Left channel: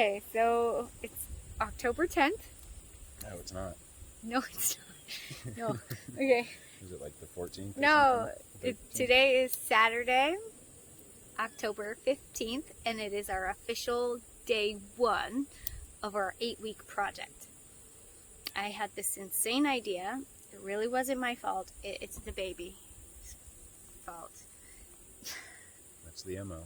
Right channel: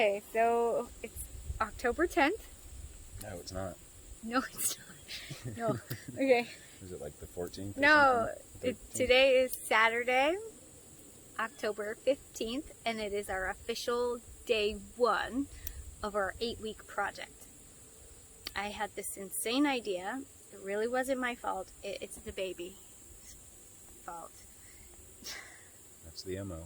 Okay, so it's October 10th. No, it's not. No, it's not. No. Okay. Is it like the 14th? No, today is Saturday, October 15th, and it is our official day 1 of our 8-week project. I had this insane idea. It really wasn't my fault. It's the baby's fault. That's the MO.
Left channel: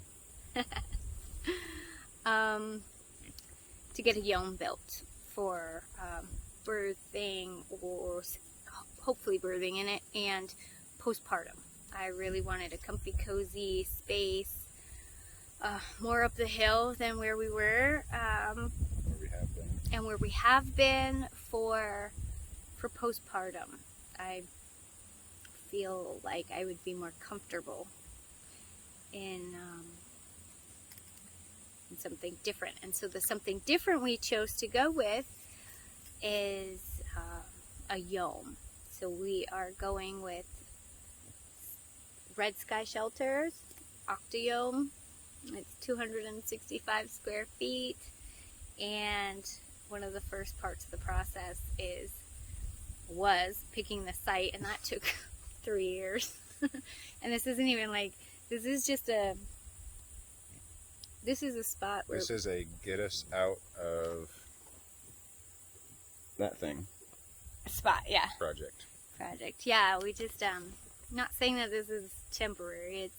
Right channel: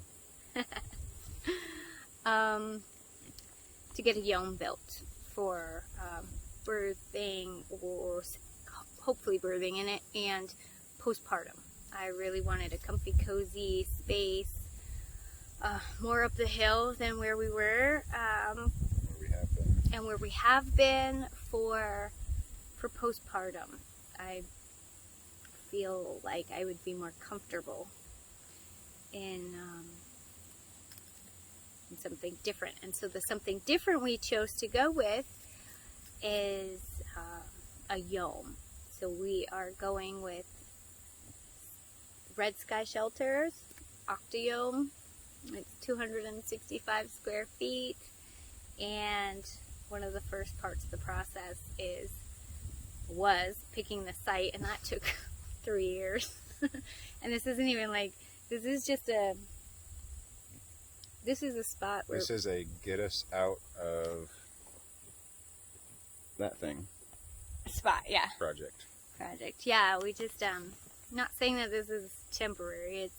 To get a Yome built for birthing, or hopefully birthing in it, and postpartum. I really wanted a comfy, cozy space, more up the hill than where we were, and where we have been for postpartum. I feel like I would be more comfortable in something different. And so the something different we chose to go with is a Yome. So we are going with Red Sky Shelters, Octa-Yome. It's 265 square feet, and one of the first parts of the process was picking the site, and that took 3 years. And this isn't even like, this is a spot where... This is a get us out of that thing. Spot, yeah. Project. Yeah, we just, not saying that this is temporary,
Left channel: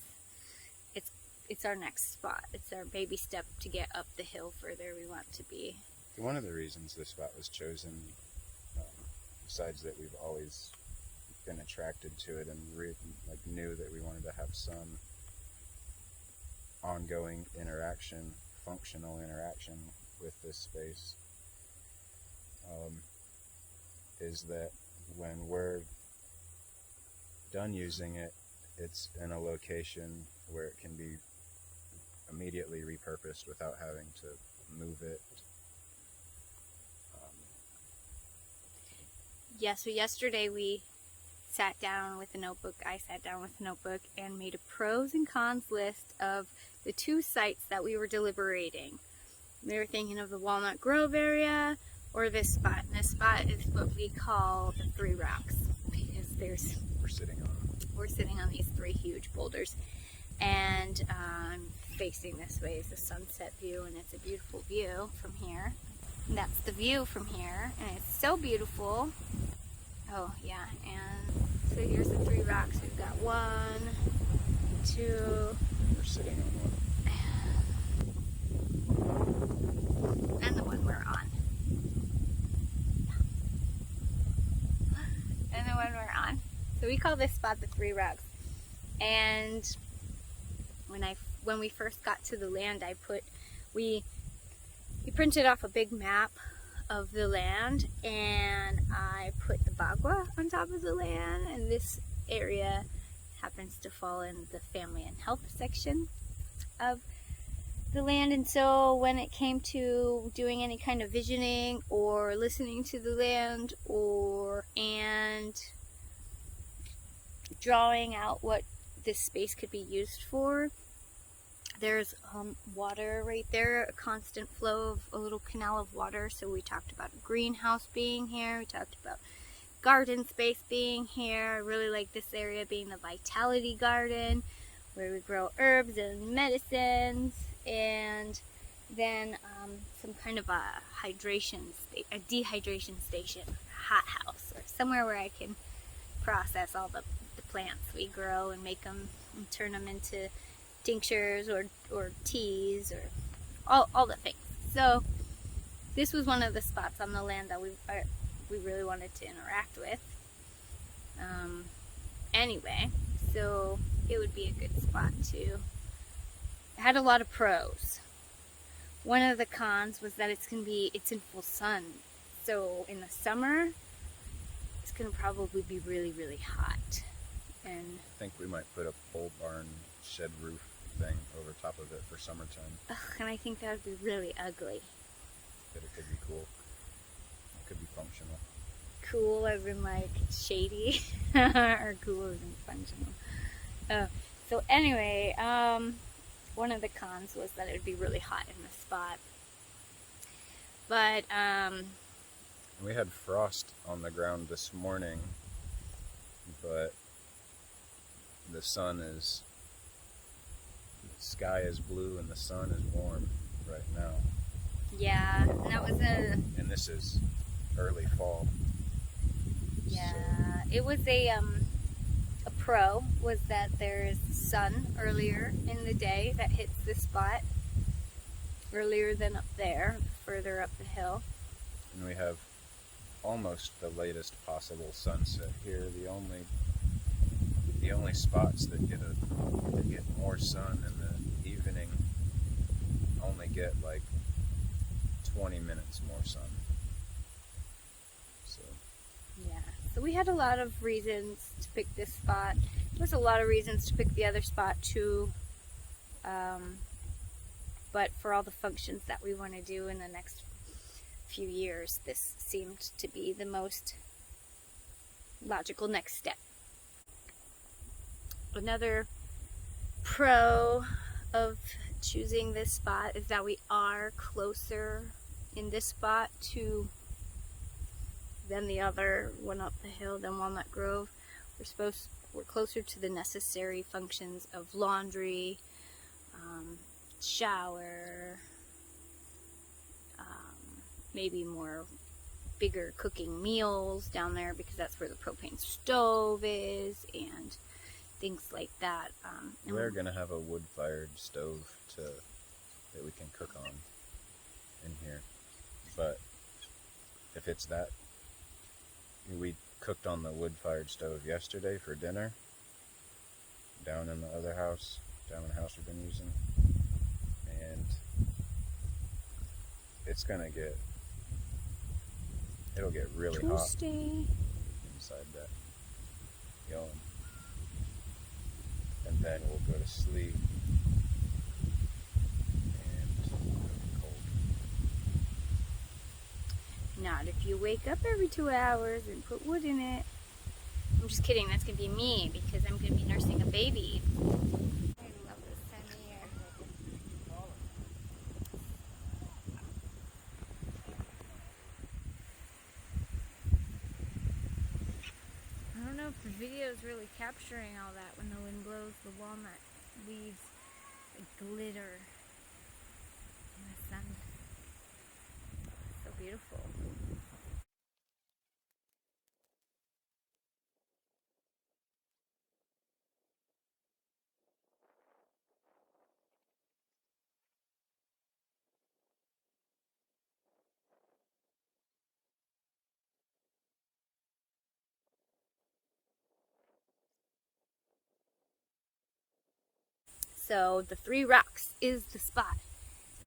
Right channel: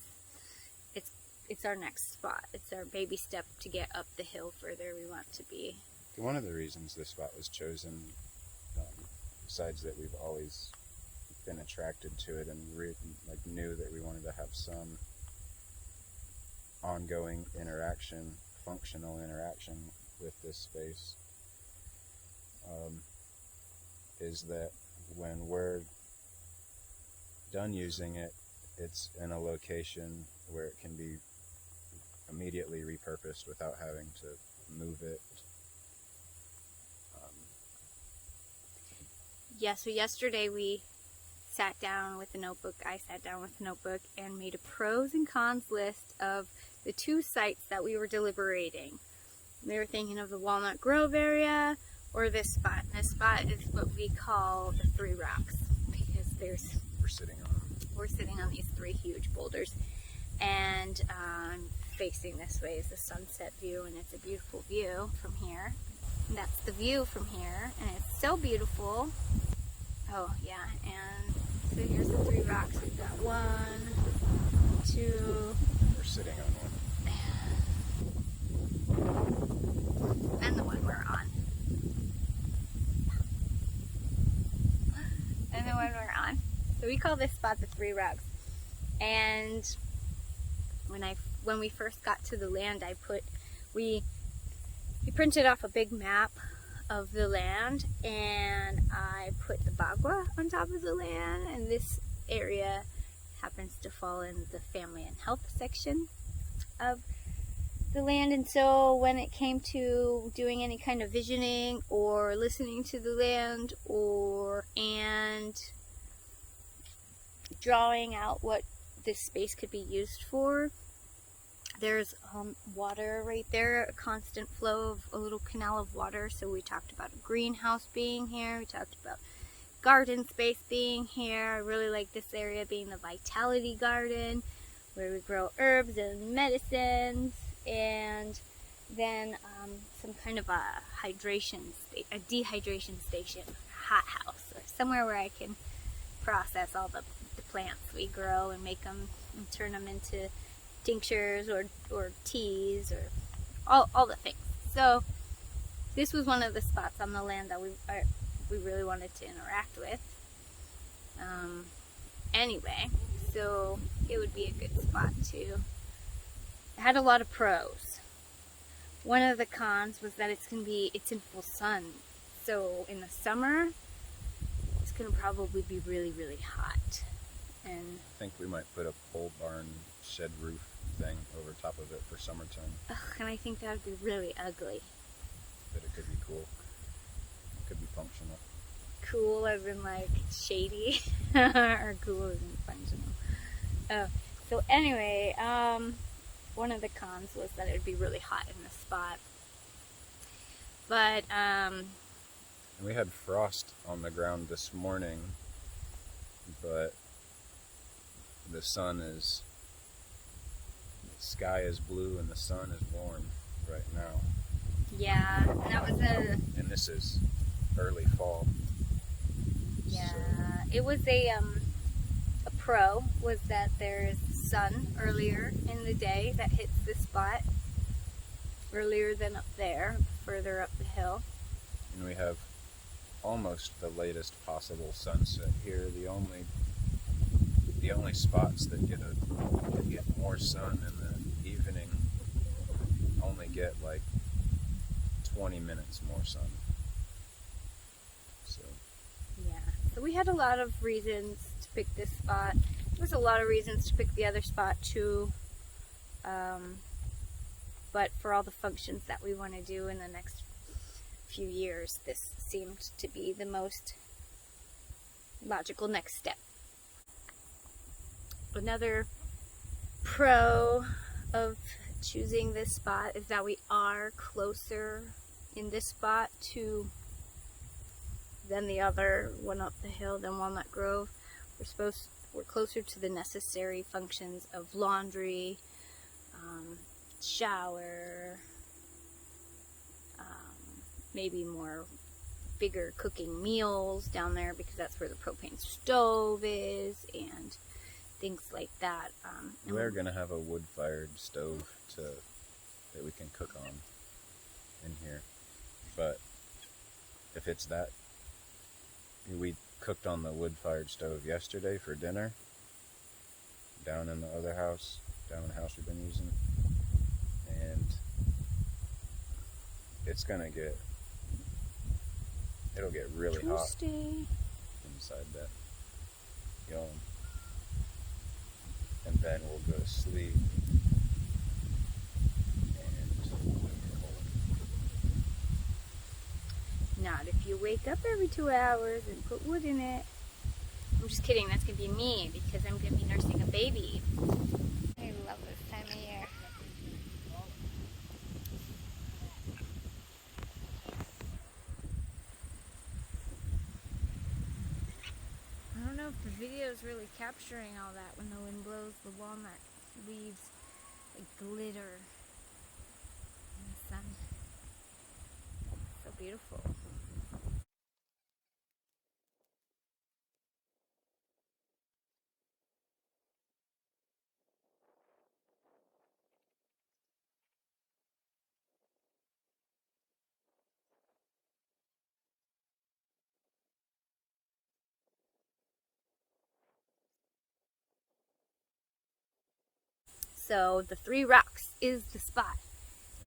it's our next spot. It's our baby step to get up the hill further we want to be. One of the reasons this spot was chosen, besides that we've always been attracted to it and knew that we wanted to have some ongoing interaction, functional interaction with this space, is that when we're done using it, it's in a location where it can be immediately repurposed without having to move it. Yeah, so yesterday we sat down with a notebook, I sat down with a notebook and made a pros and cons list of the 2 sites that we were deliberating. We were thinking of the Walnut Grove area or this spot. And this spot is what we call the 3 rocks, because we're sitting on these 3 huge boulders, and facing this way is the sunset view, and it's a beautiful view from here. And that's the view from here, and it's so beautiful. Oh yeah, and so here's the 3 rocks. We've got 1, 2. We're sitting on one. And the one we're on. And the one we're on. So we call this spot the 3 rocks. And when we first got to the land, we printed off a big map of the land, and I put the bagua on top of the land, and this area happens to fall in the family and health section of the land. And so when it came to doing any kind of visioning or listening to the land and drawing out what this space could be used for, there's water right there, a constant flow of a little canal of water. So we talked about a greenhouse being here. We talked about garden space being here. I really like this area being the Vitality Garden, where we grow herbs and medicines, and then some kind of a dehydration station, hot house, or somewhere where I can process all the plants we grow and make them and turn them into tinctures or teas or all the things. So this was one of the spots on the land that we really wanted to interact with. Anyway, so it would be a good spot to. It had a lot of pros. One of the cons was that it's in full sun. So in the summer, it's gonna probably be really, really hot. And I think we might put a pole barn shed roof thing over top of it for summertime. And I think that would be really ugly. But it could be cool. It could be functional. Cool as in like shady, or cool as in functional. So anyway, one of the cons was that it would be really hot in the spot. But We had frost on the ground this morning, but the sky is blue and the sun is warm right now. yeah, and that was And this is early fall. yeah, So, it was a pro was that there's sun earlier in the day that hits this spot earlier than up there, further up the hill. and we have almost the latest possible sunset here. The only spots that get more sun in the evening only get like 20 minutes more sun. So Yeah, so we had a lot of reasons to pick this spot. There was a lot of reasons to pick the other spot too. But for all the functions that we want to do in the next few years, this seemed to be the most logical next step. Another pro of choosing this spot is that we are closer in this spot to than the other one up the hill than Walnut Grove. We're closer to the necessary functions of laundry, shower, maybe more bigger cooking meals down there because that's where the propane stove is and things like that. we're gonna have a wood-fired stove that we can cook on in here, but if it's that, we cooked on the wood-fired stove yesterday for dinner down in the other house, down in the house we've been using, and it'll get really hot inside that Yome, and then we'll go to sleep and it'll be cold. Not if you wake up every 2 hours and put wood in it. I'm just kidding, that's gonna be me because I'm gonna be nursing a baby. I love this time of year. I don't know if the video is really capturing all that when the wind blows the walnut leaves like glitter in the sun. So beautiful. So the 3 rocks is the spot.